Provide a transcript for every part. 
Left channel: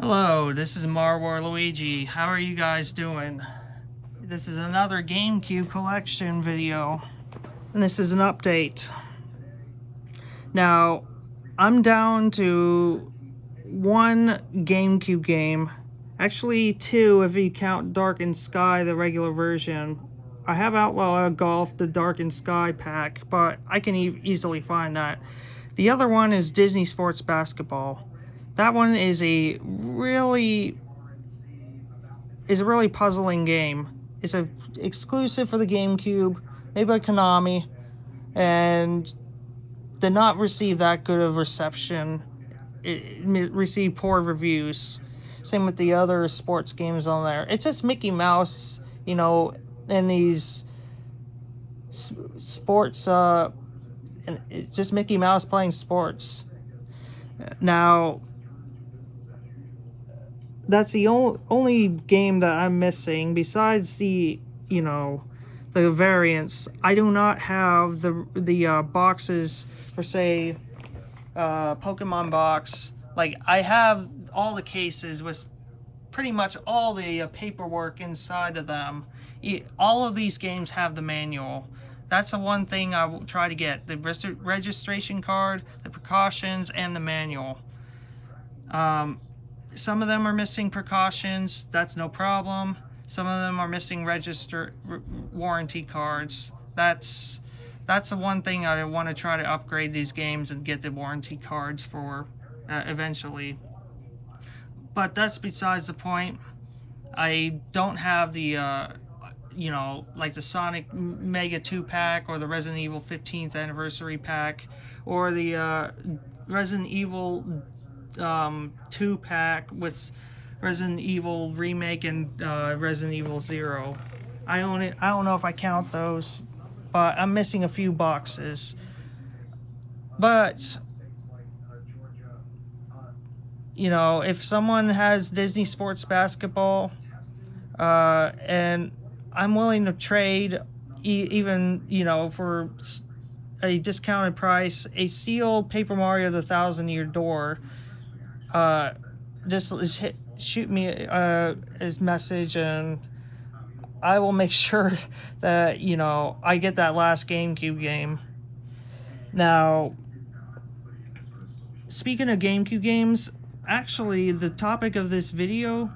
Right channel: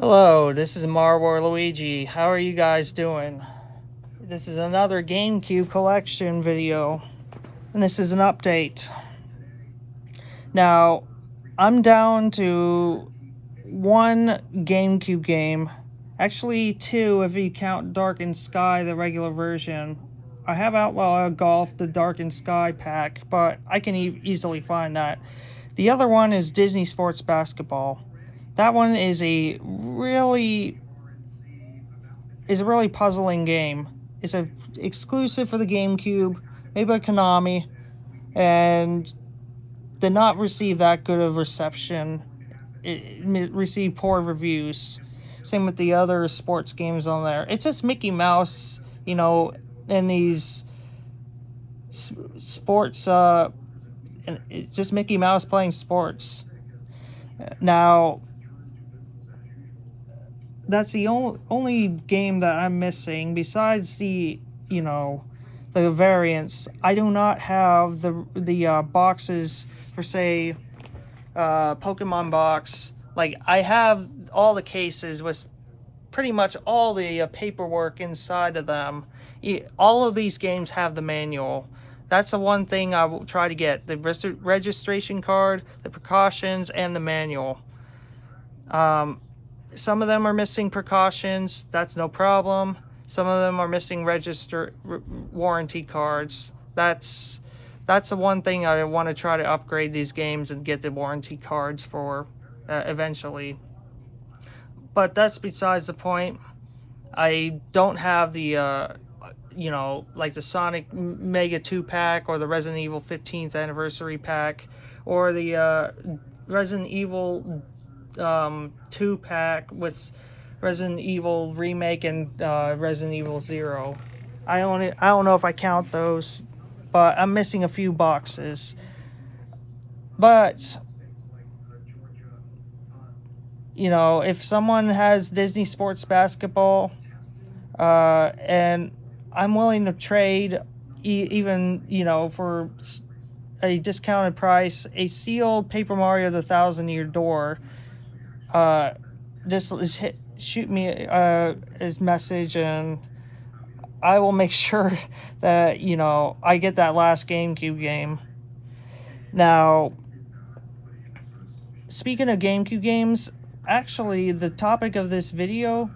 Hello, this is Marwar Luigi. How are you guys doing? This is another GameCube collection video, and this is an update. Now, I'm down to one GameCube game, actually two if you count Darkened Sky, the regular version. I have Outlaw Golf, the Darkened Sky pack, but I can easily find that. The other one is Disney Sports Basketball. That one is a really puzzling game. It's a exclusive for the GameCube, made by Konami, and did not receive that good of reception. It received poor reviews. Same with the other sports games on there. It's just Mickey Mouse, you know, in these sports. It's just Mickey Mouse playing sports. Now, that's the only game that I'm missing besides the variants. I do not have the boxes for, say, Pokemon box. Like, I have all the cases with pretty much all the paperwork inside of them. All of these games have the manual. That's the one thing I will try to get: the registration card, the precautions, and the manual. Some of them are missing precautions. That's no problem. Some of them are missing warranty cards. That's the one thing I want to try to upgrade these games and get the warranty cards for eventually. But that's besides the point. I don't have the like the Sonic Mega 2-pack or the Resident Evil 15th Anniversary pack or the Resident Evil 2-pack with Resident Evil Remake and Resident Evil 0. I don't know if I count those, but I'm missing a few boxes. But if someone has Disney Sports Basketball, and I'm willing to trade even for a discounted price, a sealed Paper Mario the Thousand-Year Door. Just shoot me his message, and I will make sure that I get that last GameCube game. Now, speaking of GameCube games, actually the topic of this video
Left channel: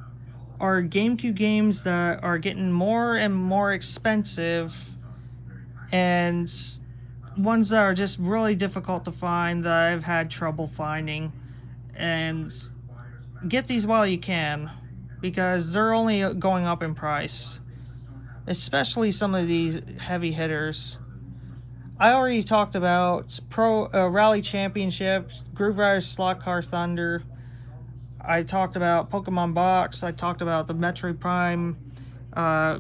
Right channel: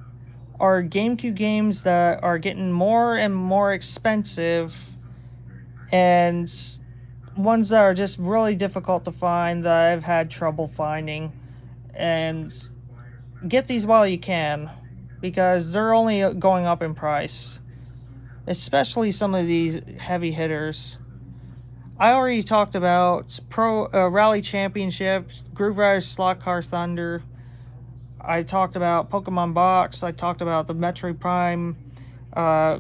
are GameCube games that are getting more and more expensive, and ones that are just really difficult to find that I've had trouble finding. And get these while you can, because they're only going up in price, especially some of these heavy hitters. I already talked about Rally Championship, Groove Rider Slot Car Thunder. I talked about Pokemon Box. I talked about the Metroid Prime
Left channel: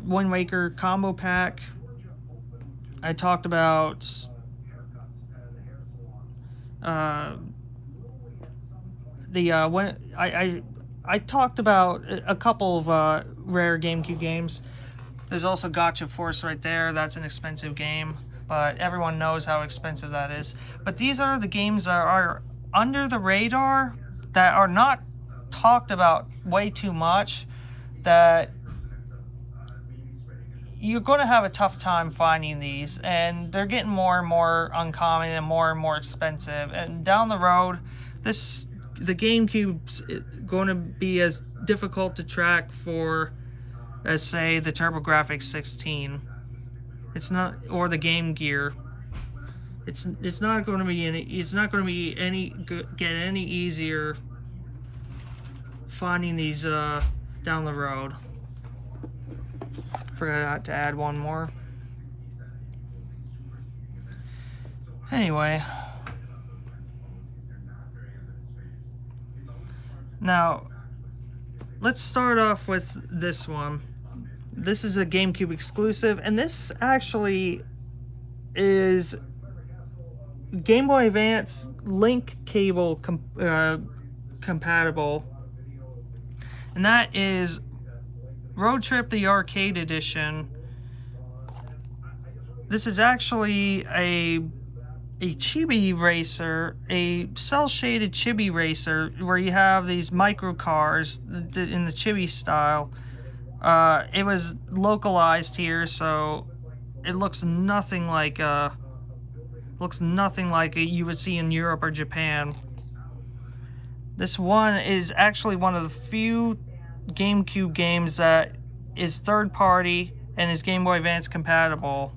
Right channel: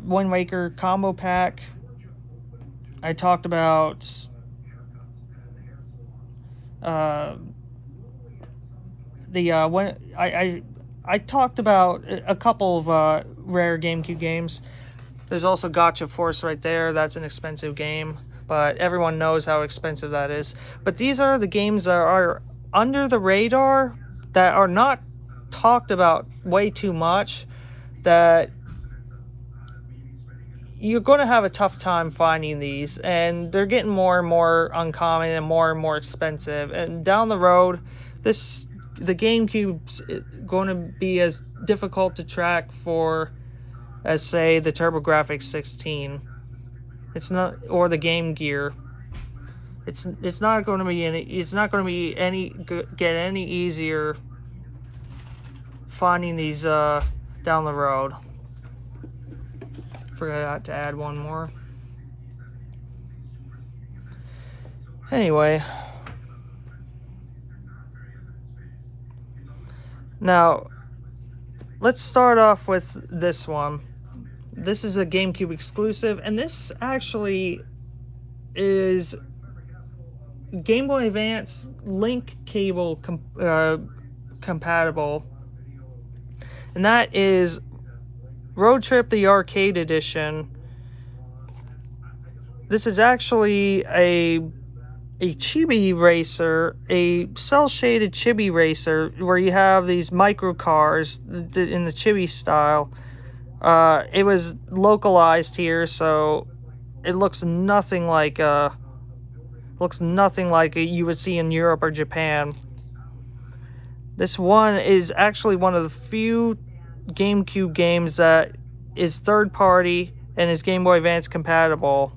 Wind Waker Combo Pack. I talked about I talked about a couple of rare GameCube games. There's also Gotcha Force right there. That's an expensive game, but everyone knows how expensive that is. But these are the games that are under the radar, that are not talked about way too much, that you're going to have a tough time finding these, and they're getting more and more uncommon and more expensive. And down the road, the GameCube's going to be as difficult to track for as, say, the TurboGrafx 16. It's not, or the Game Gear. It's not going to be get any easier finding these down the road. Forgot to add one more. Anyway, now let's start off with this one. This is a GameCube exclusive, and this actually is Game Boy Advance link cable compatible, and that is Road Trip the Arcade Edition. This is actually a a chibi racer, a cel-shaded chibi racer, where you have these micro cars in the chibi style. It was localized here, so it looks nothing like you would see in Europe or Japan. This one is actually one of the few GameCube games that is third party and is Game Boy Advance compatible.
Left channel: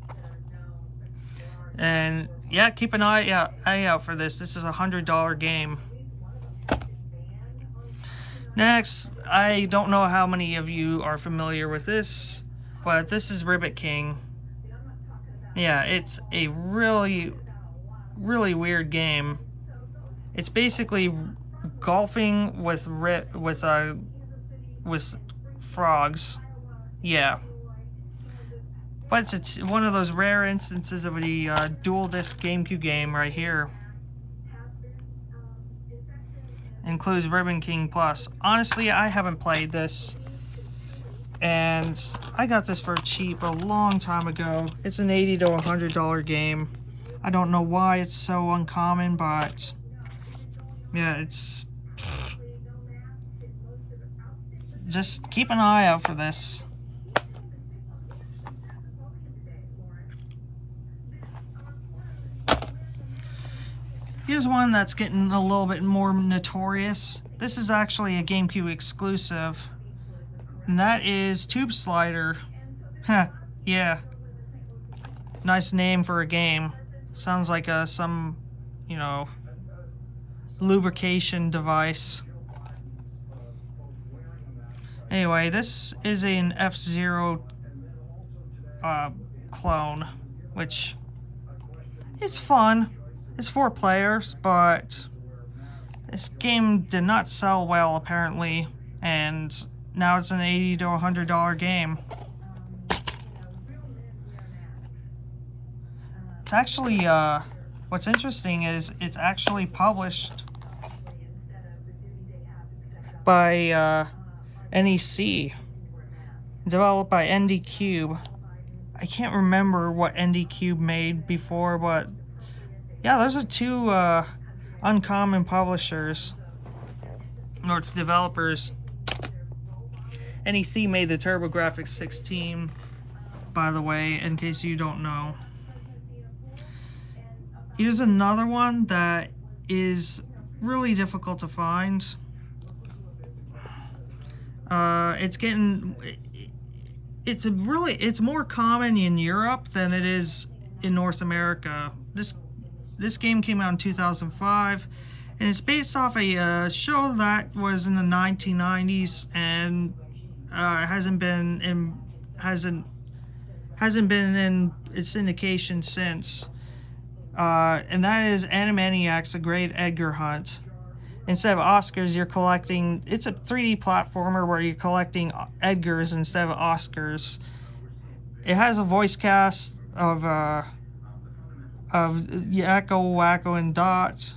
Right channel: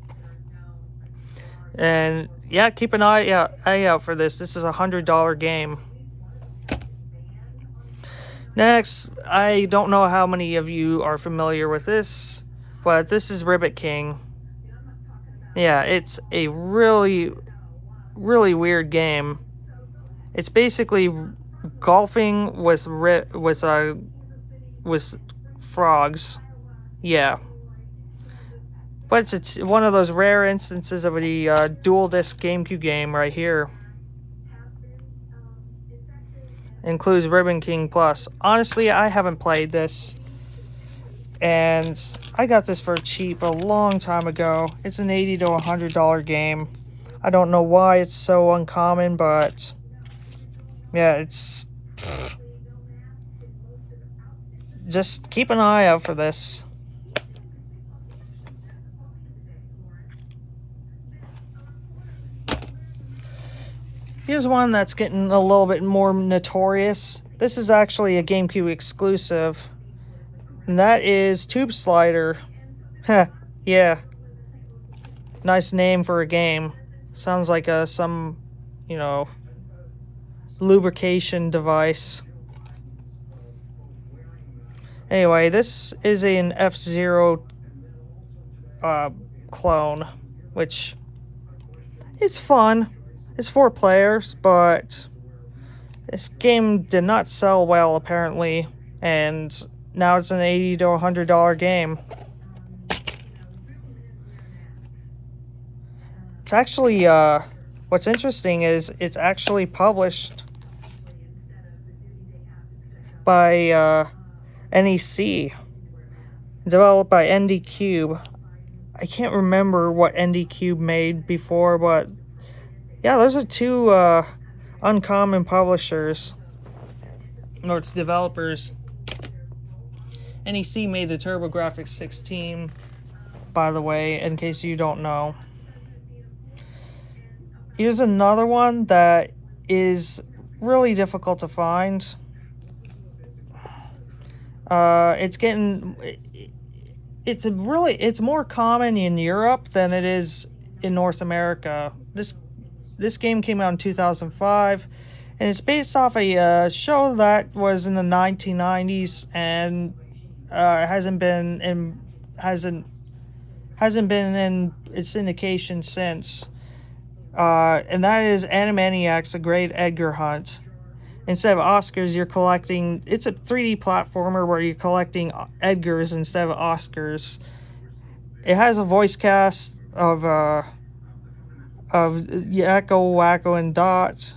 And yeah, keep an eye out for this. This is a $100 game. Next, I don't know how many of you are familiar with this, but this is Ribbit King. Yeah, it's a really weird game. It's basically golfing with frogs. Yeah. But it's one of those rare instances of a dual disc GameCube game right here. Includes Ribbit King Plus. Honestly, I haven't played this, and I got this for cheap a long time ago. It's an $80 to $100 game. I don't know why it's so uncommon, but yeah, it's... Just keep an eye out for this. Here's one that's getting a little bit more notorious. This is actually a GameCube exclusive, and that is Tube Slider. Heh, yeah. Nice name for a game. Sounds like some, you know, lubrication device. Anyway, this is an F-Zero clone, which it's fun. It's 4 players, but this game did not sell well apparently, and now it's an $80 to $100 game. It's actually, what's interesting is it's actually published by NEC, developed by ND Cube. I can't remember what ND Cube made before, but yeah, those are 2 uncommon publishers, or it's developers. NEC made the TurboGrafx 16, by the way, in case you don't know. Here's another one that is really difficult to find. It's more common in Europe than it is in North America. This game came out in 2005, and it's based off a show that was in the 1990s, and hasn't been in its syndication since. And that is Animaniacs: A Great Edgar Hunt. Instead of Oscars, you're collecting... It's a 3D platformer where you're collecting Edgars instead of Oscars. It has a voice cast of Yakko, Wacko, and Dot.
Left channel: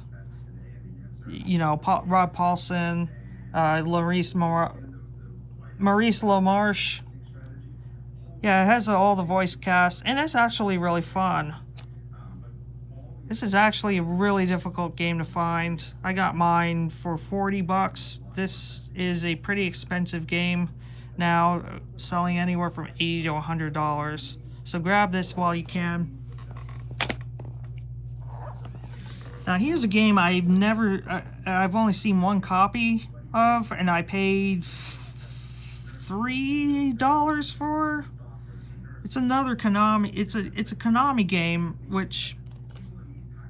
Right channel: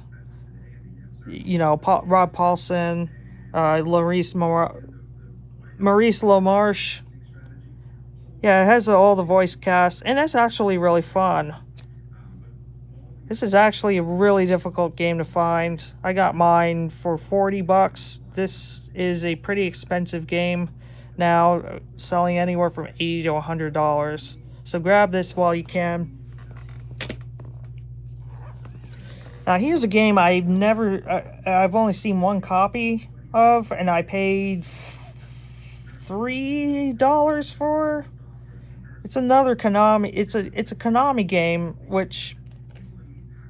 You know, Rob Paulson, Maurice LaMarche. Yeah, it has all the voice cast, and it's actually really fun. This is actually a really difficult game to find. I got mine for $40. This is a pretty expensive game now, selling anywhere from $80 to $100. So grab this while you can. Now here's a game I've only seen one copy of, and I paid $3 for. It's another Konami. It's a Konami game, which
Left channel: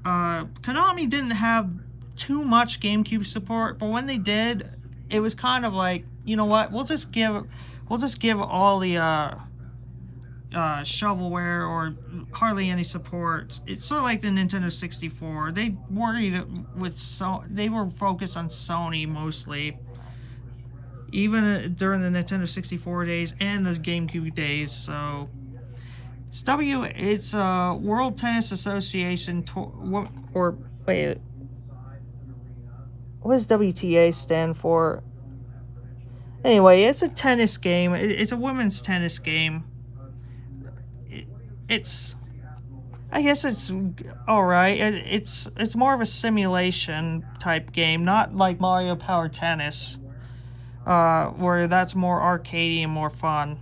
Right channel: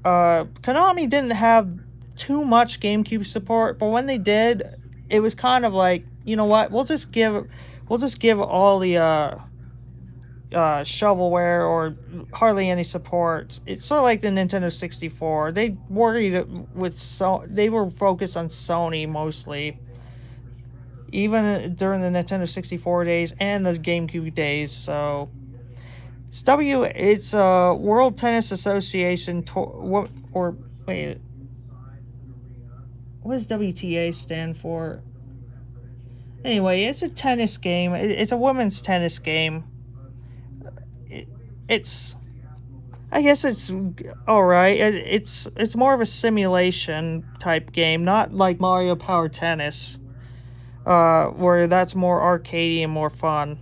Konami didn't have too much GameCube support, but when they did, it was kind of like, you know what, we'll just give all the shovelware or hardly any support. It's sort of like the Nintendo 64. They were focused on Sony mostly, even during the Nintendo 64 days and the GameCube days. So it's World Tennis Association what does WTA stand for? Anyway, it's a tennis It's a women's tennis game. It's I guess it's all right. It's more of a simulation type game, not like Mario Power Tennis, where that's more arcadey and more fun.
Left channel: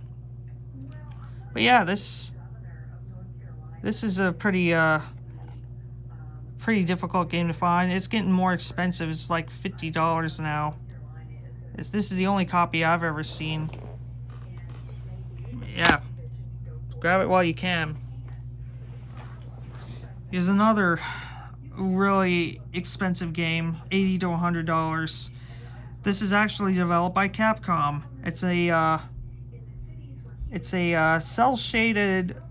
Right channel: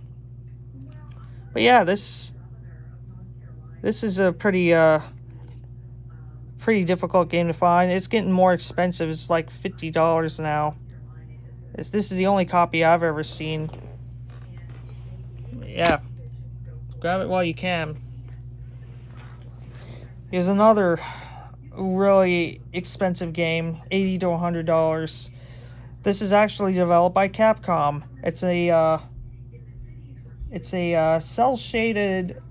But yeah, this is a pretty difficult game to find. It's getting more expensive. It's like $50 now. This is the only copy I've ever seen. Yeah, grab it while you can. Here's another really expensive game, $80 to $100. This is actually developed by Capcom. It's a cel-shaded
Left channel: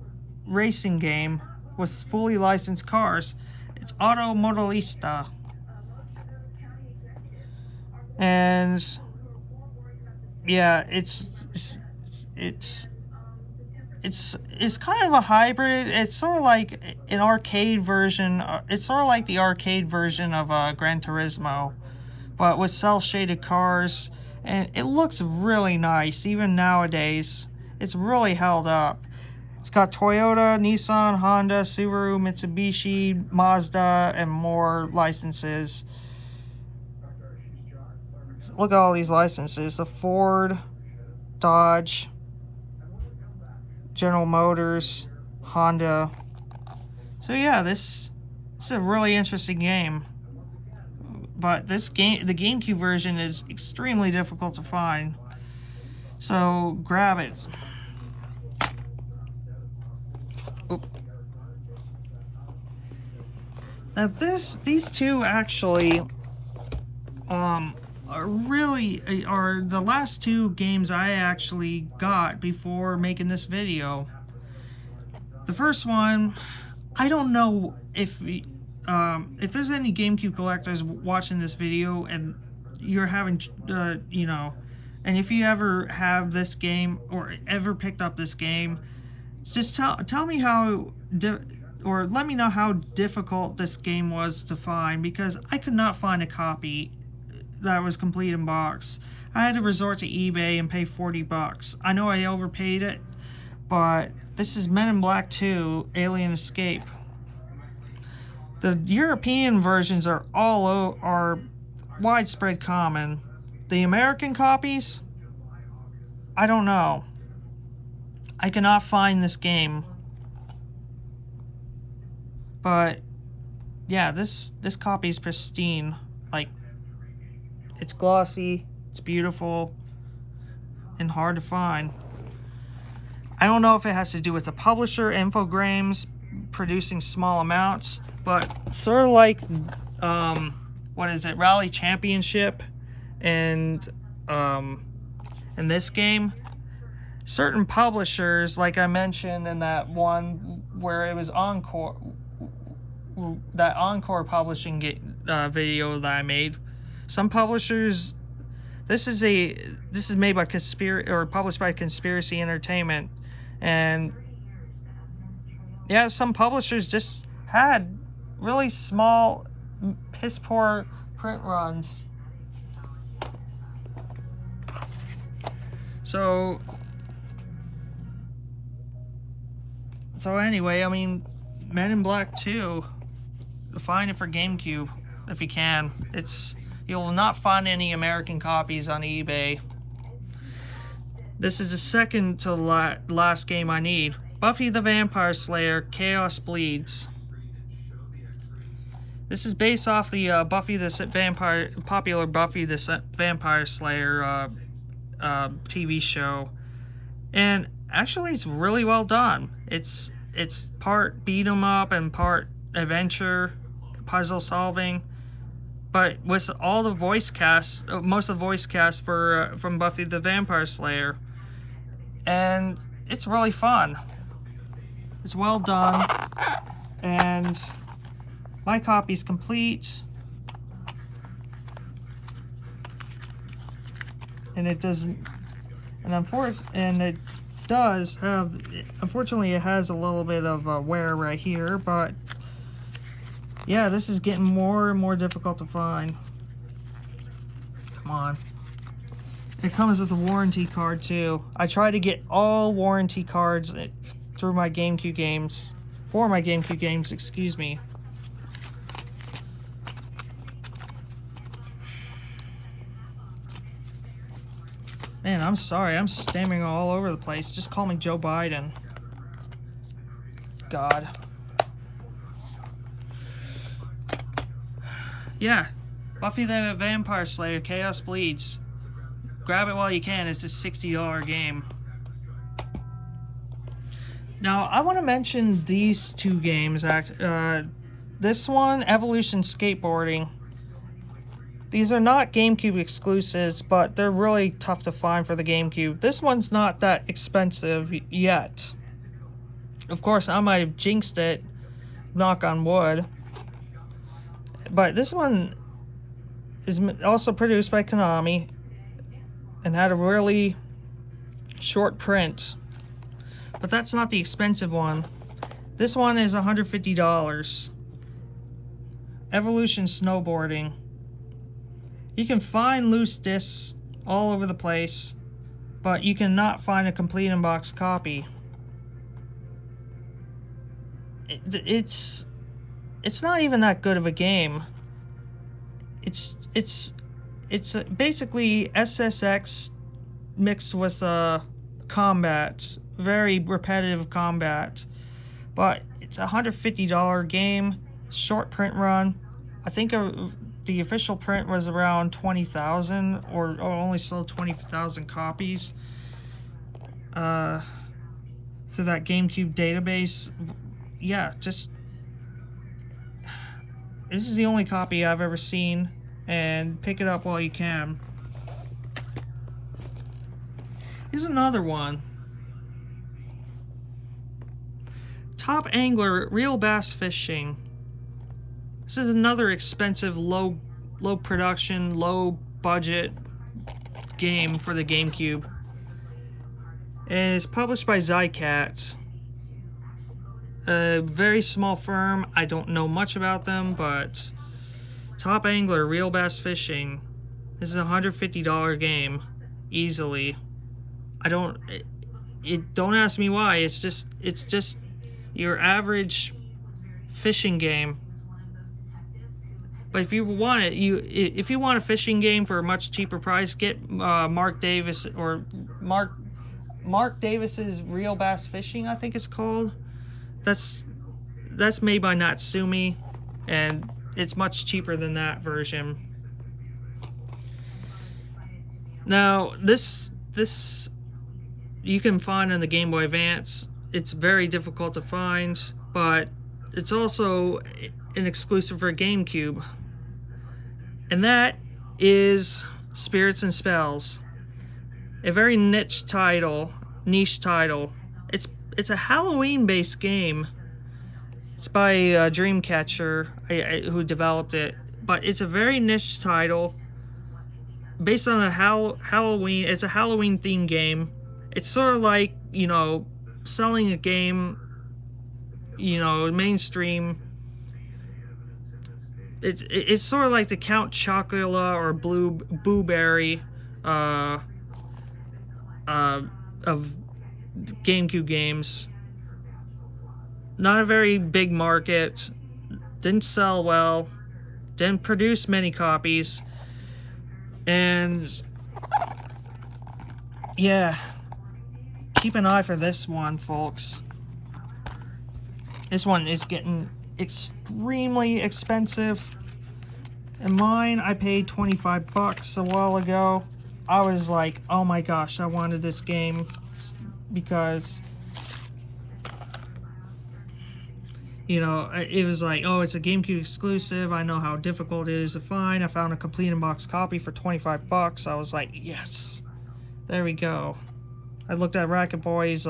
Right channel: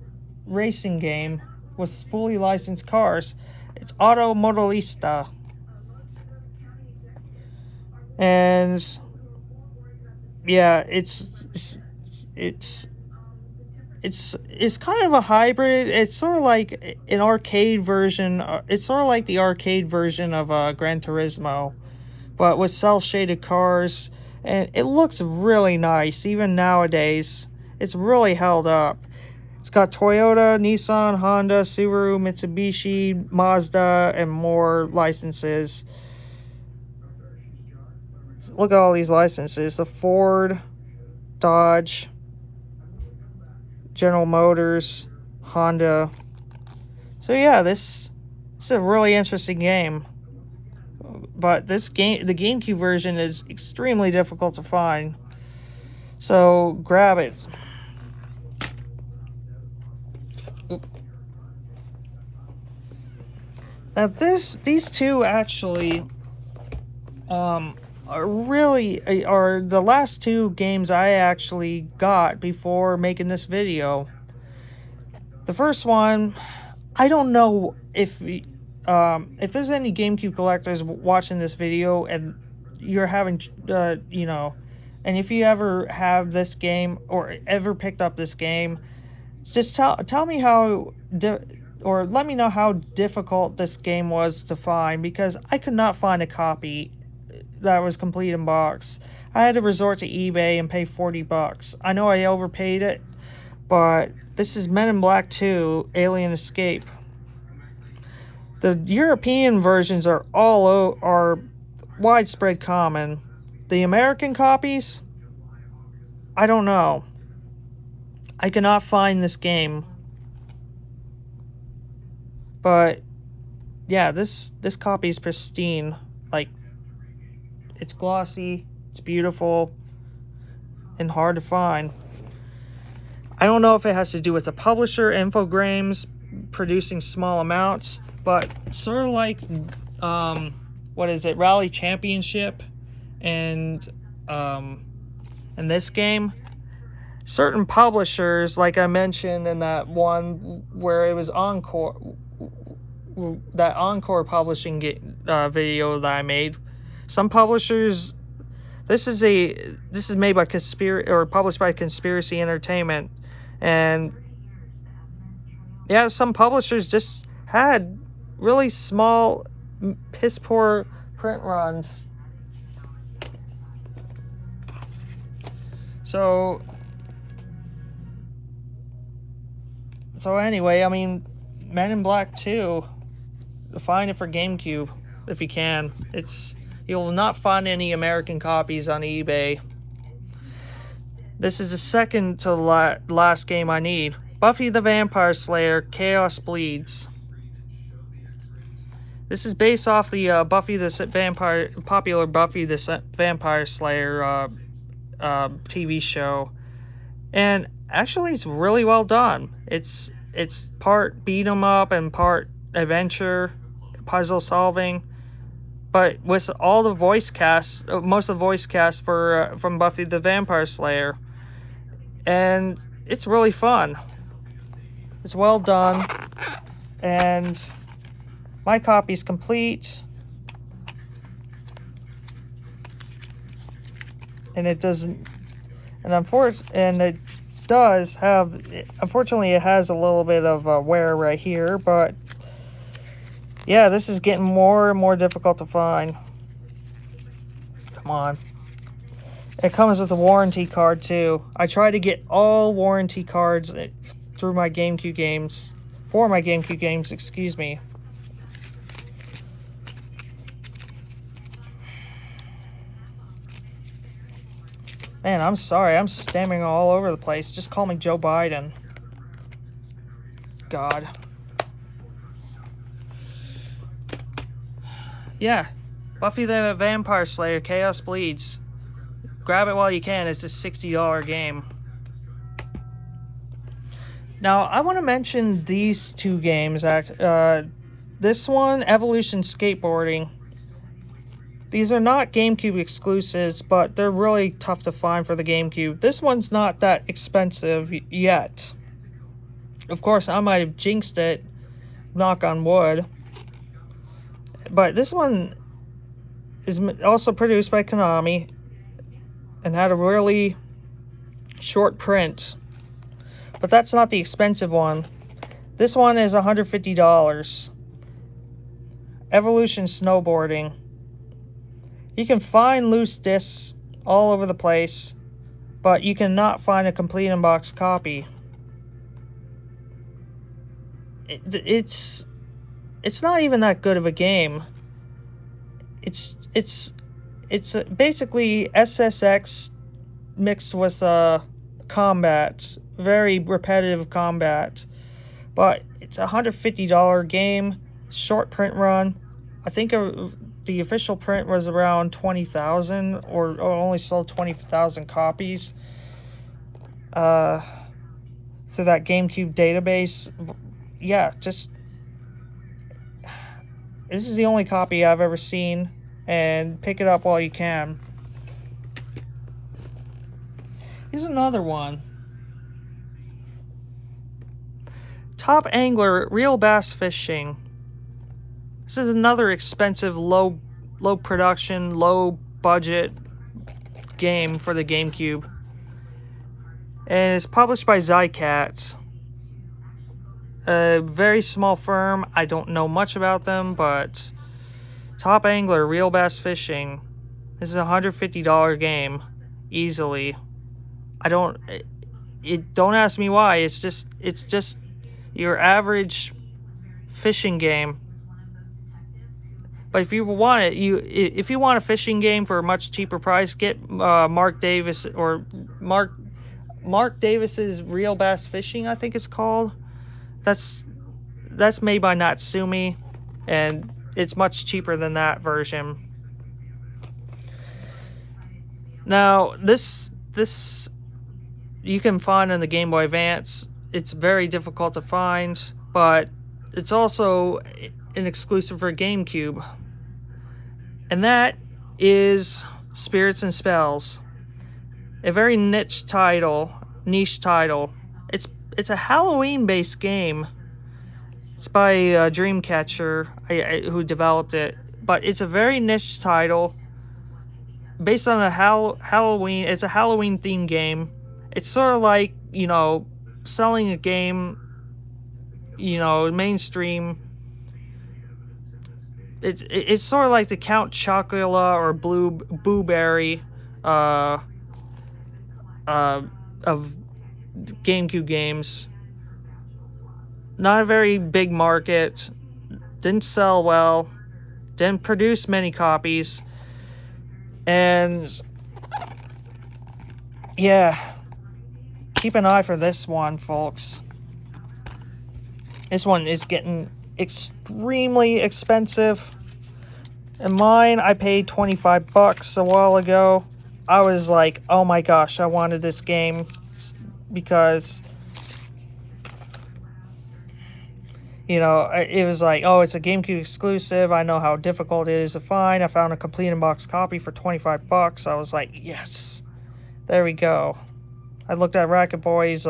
racing game with fully licensed cars. It's Auto Modelista, and yeah, it's kind of a hybrid. It's sort of like an arcade version. It's sort of like the arcade version of Gran Turismo, but with cel-shaded cars, and it looks really nice even nowadays. It's really held up. It's got Toyota, Nissan, Honda, Subaru, Mitsubishi, Mazda, and more licenses. Look at all these licenses. The Ford, Dodge, General Motors, Honda. So yeah, this is a really interesting game. But the GameCube version is extremely difficult to find. So grab it. Oop. Now these two actually are the last two games I actually got before making this video. The first one, I don't know if there's any GameCube collectors watching this video and you're having you know, and if you ever have this game or ever picked up this game, just tell me how or let me know how difficult this game was to find, because I could not find a copy that was complete in box. I had to resort to eBay and pay $40. I know I overpaid it, but this is Men in Black 2: Alien Escape. The European versions are are widespread common. The American copies, I don't know. I cannot find this game. But yeah, this copy is pristine. Like, it's glossy, it's beautiful, and hard to find. I don't know if it has to do with the publisher, Infogrames, producing small amounts, but sort of like, what is it, Rally Championship, and this game, certain publishers, like I mentioned in that one where it was Encore, that Encore publishing video that I made, some publishers, this is made by published by Conspiracy Entertainment, and yeah, some publishers just had really small, piss poor print runs. So anyway, I mean, Men in Black 2, find it for GameCube if you can. You'll not find any American copies on eBay. This is the second to last game I need. Buffy the Vampire Slayer: Chaos Bleeds. This is based off the popular Buffy the Vampire Slayer TV show, and actually it's really well done. It's part beat 'em up and part adventure, puzzle solving, but with all the voice cast, most of the voice cast from Buffy the Vampire Slayer, and it's really fun. It's well done, and my copy's complete, and it doesn't, and it does have, unfortunately it has a little bit of wear right here, but yeah, this is getting more and more difficult to find. Come on. It comes with a warranty card too. I try to get all warranty cards through my GameCube games, For my GameCube games, excuse me. Man, I'm sorry, I'm stammering all over the place. Just call me Joe Biden. God. Yeah, Buffy the Vampire Slayer, Chaos Bleeds. Grab it while you can, it's a $60 game. Now, I want to mention these two games. This one, Evolution Skateboarding. These are not GameCube exclusives, but they're really tough to find for the GameCube. This one's not that expensive yet. Of course, I might have jinxed it, knock on wood. But this one is also produced by Konami and had a really short print. But that's not the expensive one. This one is $150. Evolution Snowboarding. You can find loose discs all over the place, but you cannot find a complete in-box copy. It's not even that good of a game. It's basically SSX mixed with combat, very repetitive combat. But it's a $150 game, short print run. I think the official print was around 20,000, or only sold 20,000 copies through that GameCube database. Yeah, just this is the only copy I've ever seen, and pick it up while you can. Here's another one. Top Angler Real Bass Fishing. This is another expensive, low production, low budget game for the GameCube. And it's published by Zycat. A very small firm. I don't know much about them, but Top Angler Real Bass Fishing. This is a $150 game, easily. Don't ask me why. It's just your average fishing game. But if you want it, if you want a fishing game for a much cheaper price, get Mark Davis or Mark Davis's Real Bass Fishing, I think it's called. That's made by Natsumi, and it's much cheaper than that version. Now, this you can find on the Game Boy Advance. It's very difficult to find, but it's also an exclusive for GameCube. And that is Spirits and Spells. A very niche title. It's a Halloween-based game. It's by Dreamcatcher, who developed it. But it's a very niche title. Based on a Halloween, it's a Halloween-themed game. It's sort of like, selling a game, mainstream. It's sort of like the Count Chocula or Blueberry of GameCube games. Not a very big market. Didn't sell well. Didn't produce many copies. And yeah, keep an eye for this one, folks. This one is getting extremely expensive. And mine, I paid 25 bucks a while ago. I was like, oh my gosh, I wanted this game because it was like, oh, it's a GameCube exclusive. I know how difficult it is to find. I found a complete in-box copy for 25 bucks. I was like, yes, there we go. I looked at Racket Boy's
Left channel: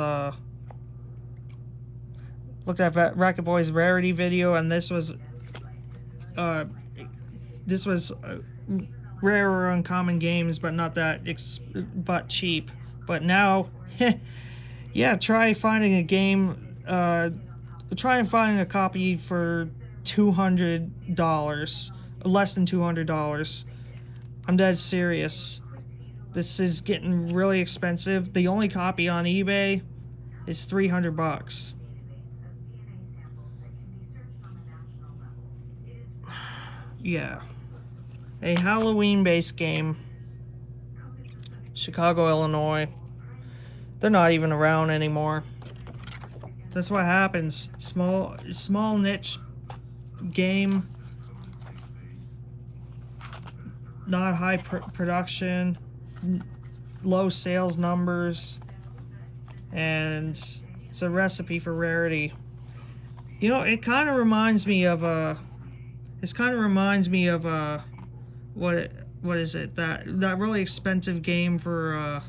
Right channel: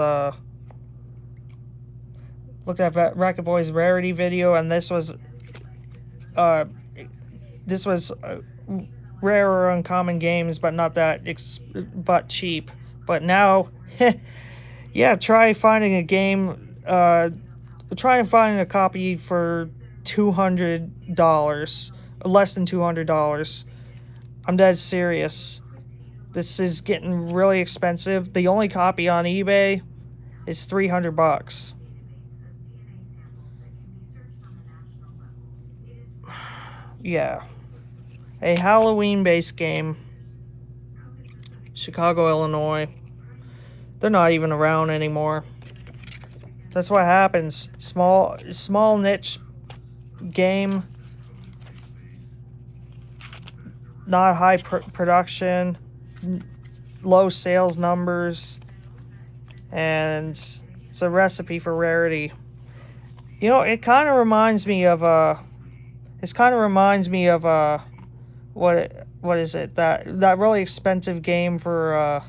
rarity video, and this was rarer uncommon games, but not that but cheap. But now, yeah, try finding a game. Try and find a copy for $200, less than $200. I'm dead serious. This is getting really expensive. The only copy on eBay is 300 bucks. yeah, a Halloween-based game. Chicago, Illinois. They're not even around anymore. That's what happens. Small niche game. Not high production. Low sales numbers. And it's a recipe for rarity. You know, it kind of reminds me of what is it, that really expensive game for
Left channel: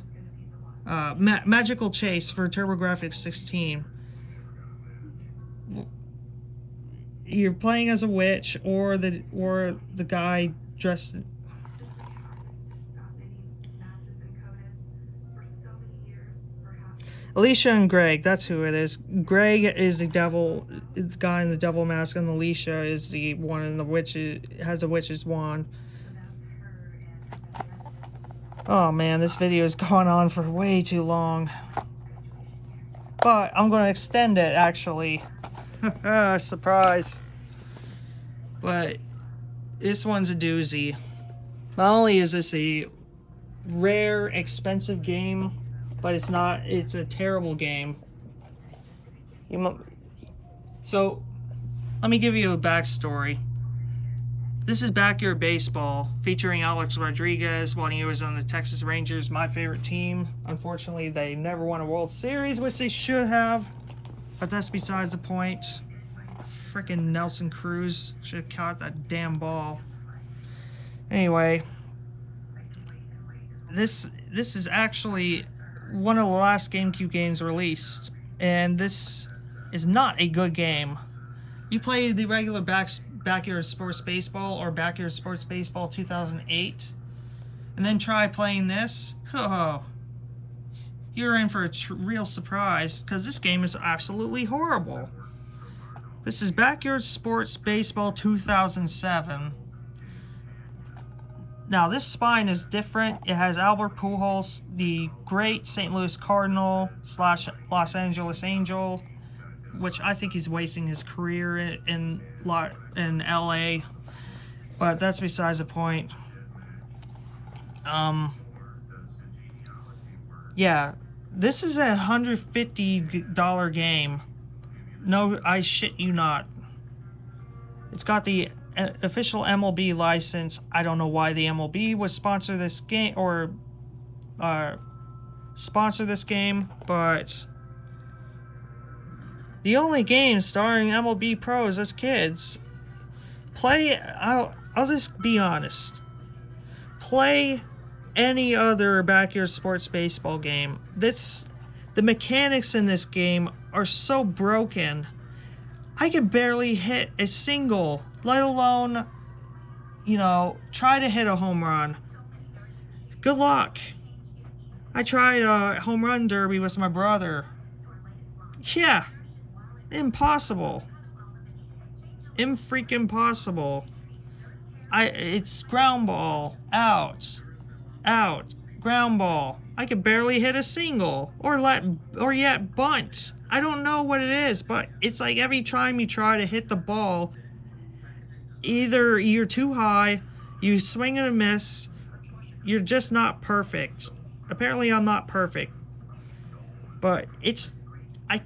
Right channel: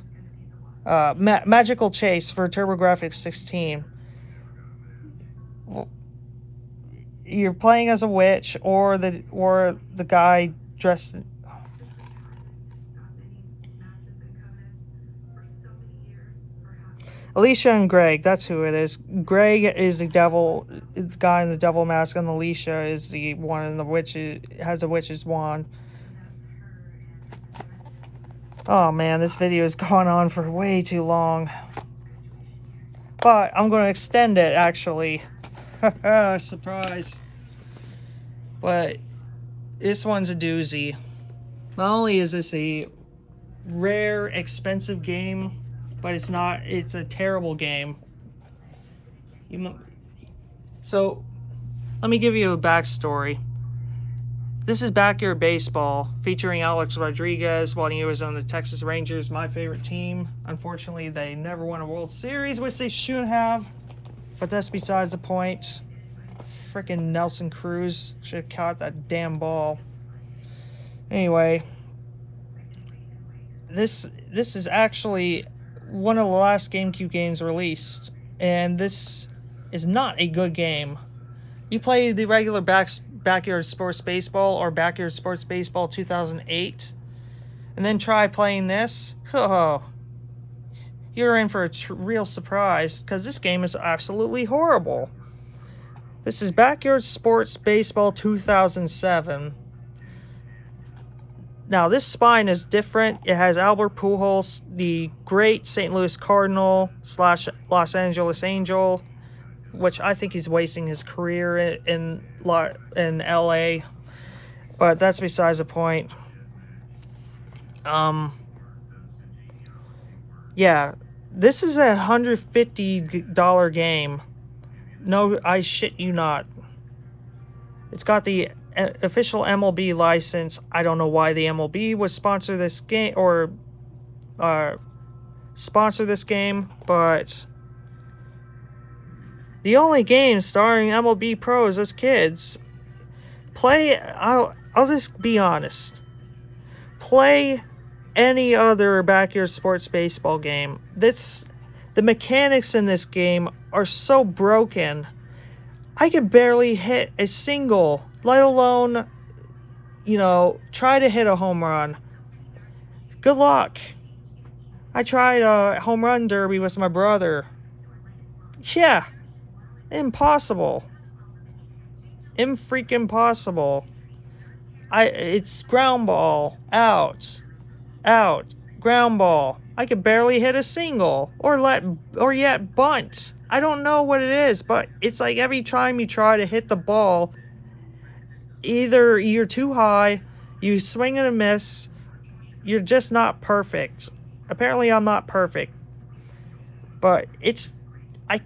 Magical Chase for TurboGrafx 16. You're playing as a witch or the guy dressed. Alicia and Greg, that's who it is. Greg is the devil, the guy in the devil mask, and Alicia is the one in the witch, has a witch's wand. Oh man, this video is going on for way too long. But I'm going to extend it, actually. Surprise. But this one's a doozy. Not only is this a rare, expensive game, but it's a terrible game. So, let me give you a backstory. This is Backyard Baseball, featuring Alex Rodriguez while he was on the Texas Rangers, my favorite team. Unfortunately, they never won a World Series, which they should have. But that's besides the point. Frickin' Nelson Cruz should have caught that damn ball. Anyway, this is actually one of the last GameCube games released, and this is not a good game. You play the regular Backyard Sports Baseball or Backyard Sports Baseball 2008, and then try playing this. Oh, you're in for a real surprise, because this game is absolutely horrible. This is Backyard Sports Baseball 2007. Now, this spine is different. It has Albert Pujols, the great St. Louis Cardinal / Los Angeles Angel, which I think he's wasting his career in LA, but that's besides the point. Yeah, this is a $150 game. No, I shit you not. It's got the official MLB license. I don't know why the MLB would sponsor this game or but the only game starring MLB pros as kids. I'll just be honest. Play any other Backyard Sports Baseball game. The mechanics in this game are so broken. I can barely hit a single, let alone, try to hit a home run. Good luck. I tried a home run derby with my brother. Yeah. Impossible. Impossible. It's ground ball. Out. Ground ball. I could barely hit a single. Or yet bunt. I don't know what it is, but it's like every time you try to hit the ball, either you're too high, you swing and a miss, you're just not perfect. Apparently I'm not perfect. But I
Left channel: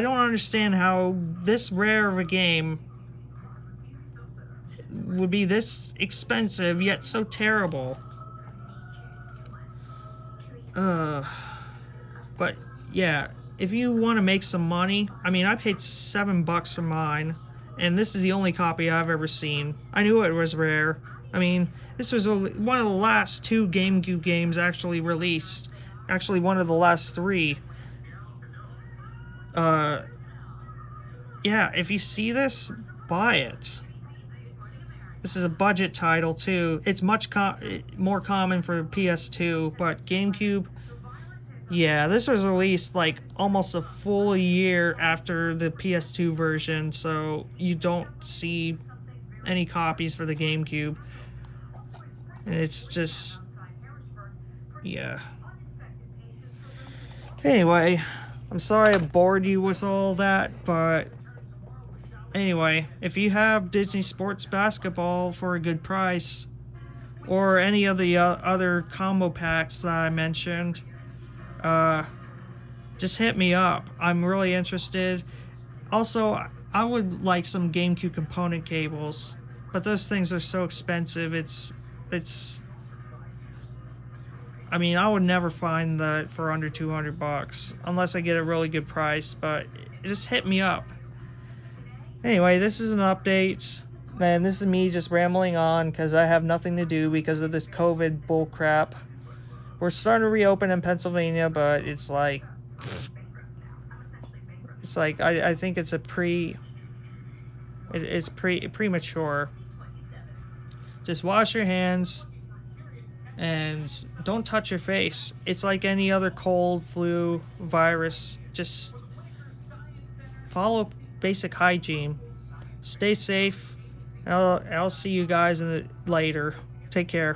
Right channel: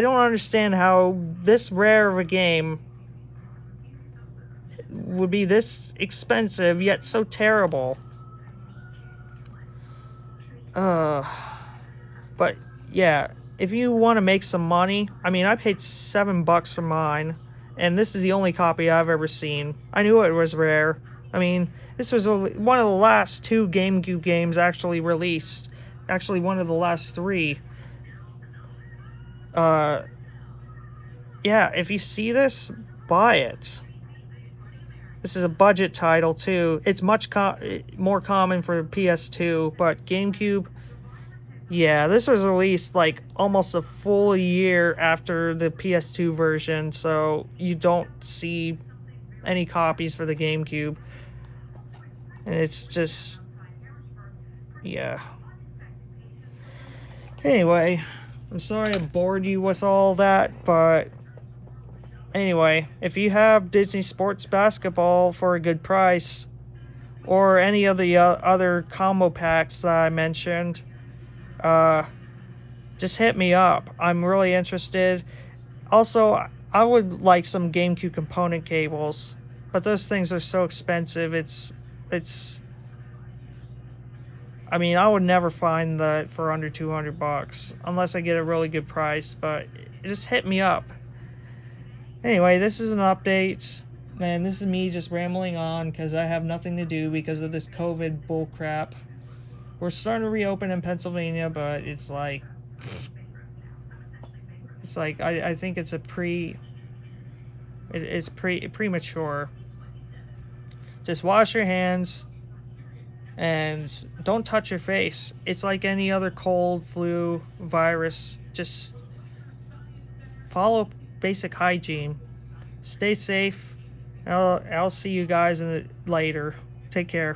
don't understand how this rare of a game would be this expensive yet so terrible. But yeah, if you want to make some money, I mean, I paid $7 for mine, and this is the only copy I've ever seen. I knew it was rare. I mean, this was one of the last 2 GameCube games actually released. Actually, one of the last 3. Yeah, if you see this, buy it. This is a budget title too. It's much more common for PS2, but GameCube, yeah, this was released like almost a full year after the PS2 version, so you don't see any copies for the GameCube. And it's just, yeah. Anyway, I'm sorry I bored you with all that, but Anyway, if you have Disney Sports Basketball for a good price, or any of the other combo packs that I mentioned, just hit me up. I'm really interested. Also, I would like some GameCube component cables, but those things are so expensive. I mean, I would never find that for under $200 unless I get a really good price, but just hit me up. Anyway, this is an update, and this is me just rambling on because I have nothing to do because of this COVID bullcrap. We're starting to reopen in Pennsylvania, but it's like I think it's premature. Just wash your hands and don't touch your face. It's like any other cold, flu, virus. Just follow basic hygiene. Stay safe. I'll see you guys later. Take care.